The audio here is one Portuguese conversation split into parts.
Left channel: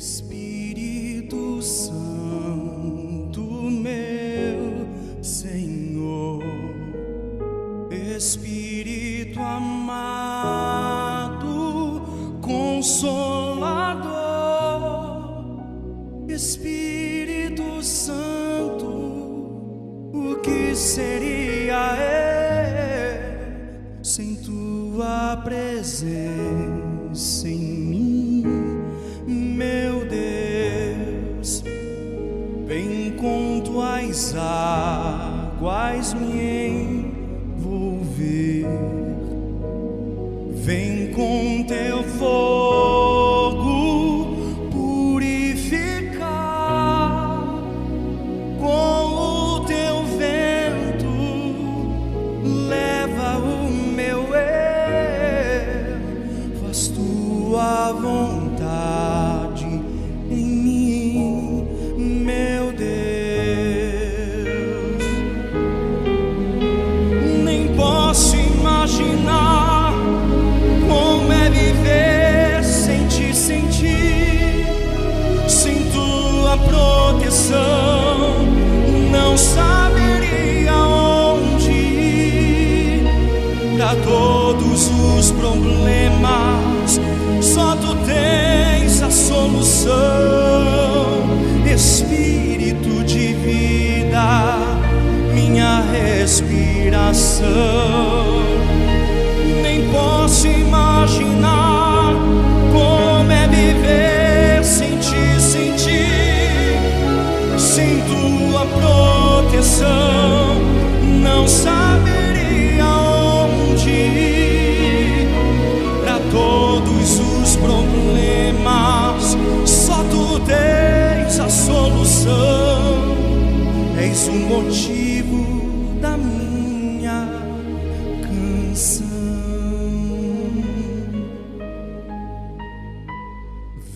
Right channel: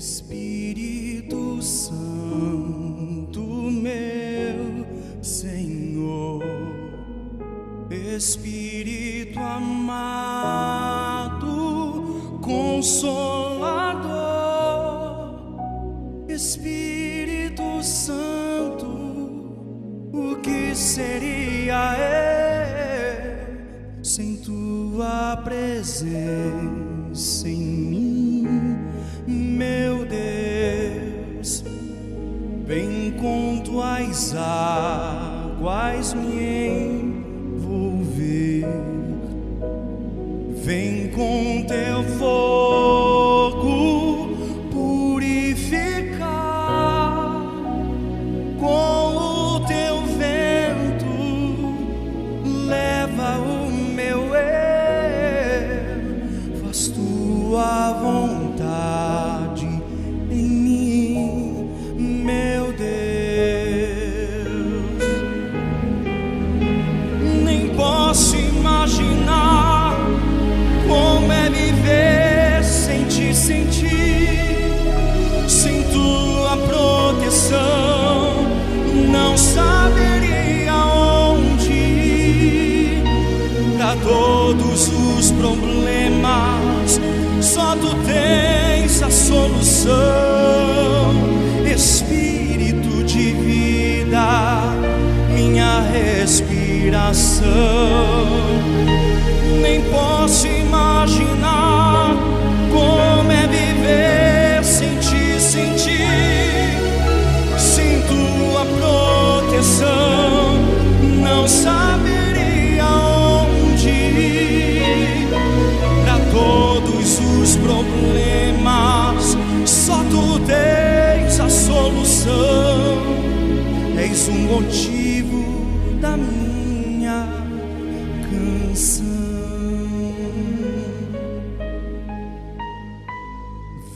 Espírito Santo, meu Senhor, Espírito amado, Consolador, Espírito Santo, o que seria eu sem tua presença em mim, meu Deus? Vem com tuas águas me envolver, vem com teu fogo purificar, com o teu vento leva o meu eu, faz tua vontade em mim, meu Deus. Nem posso imaginar como é viver sem ti, sem tua proteção. Não saberia onde ir. Pra todos os problemas só tu tens a solução. Espírito de vida, minha respiração. Nem posso imaginar como é viver sem ti, sem tua proteção. Não saberia onde ir. Pra todos os problemas só tu tens a solução. És o motivo da minha canção.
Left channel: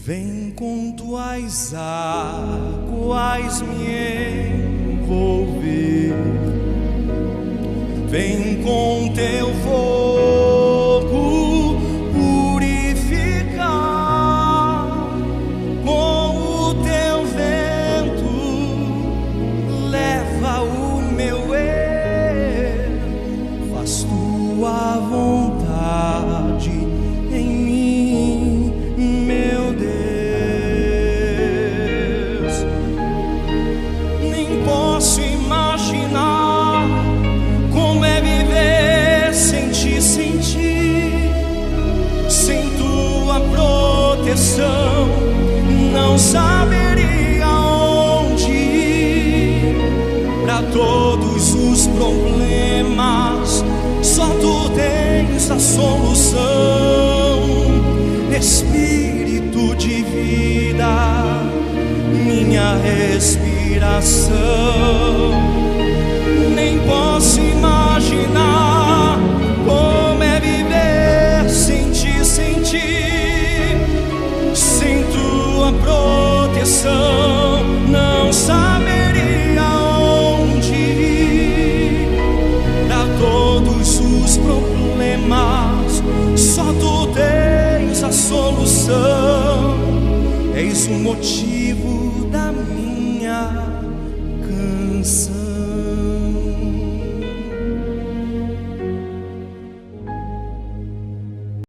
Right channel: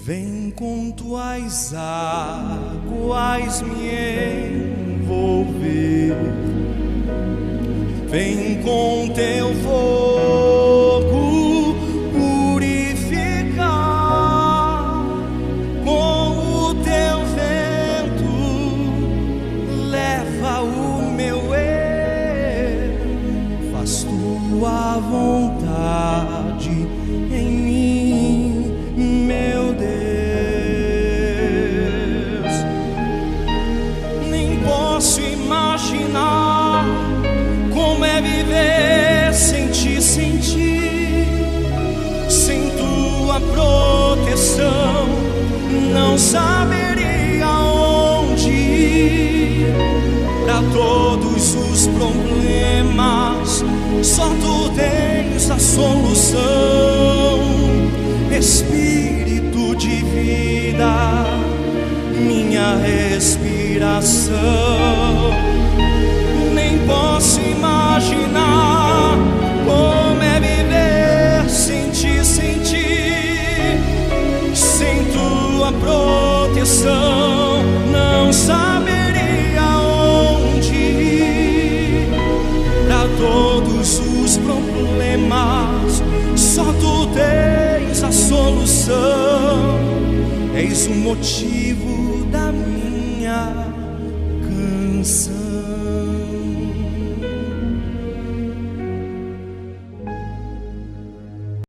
Vem com tuas águas me envolver, vem com teu fogo purificar, com o teu vento leva o meu eu, faz tua vontade em mim, meu Deus. Nem posso imaginar como é viver sem ti, sem tua proteção. Não saberia onde ir. Pra todos os problemas só tu tens a solução. Espírito de vida, minha respiração. Nem posso imaginar como é viver sem ti, sem tua proteção. Não saberia onde ir. Pra todos os problemas só tu tens a solução. És o motivo da minha canção.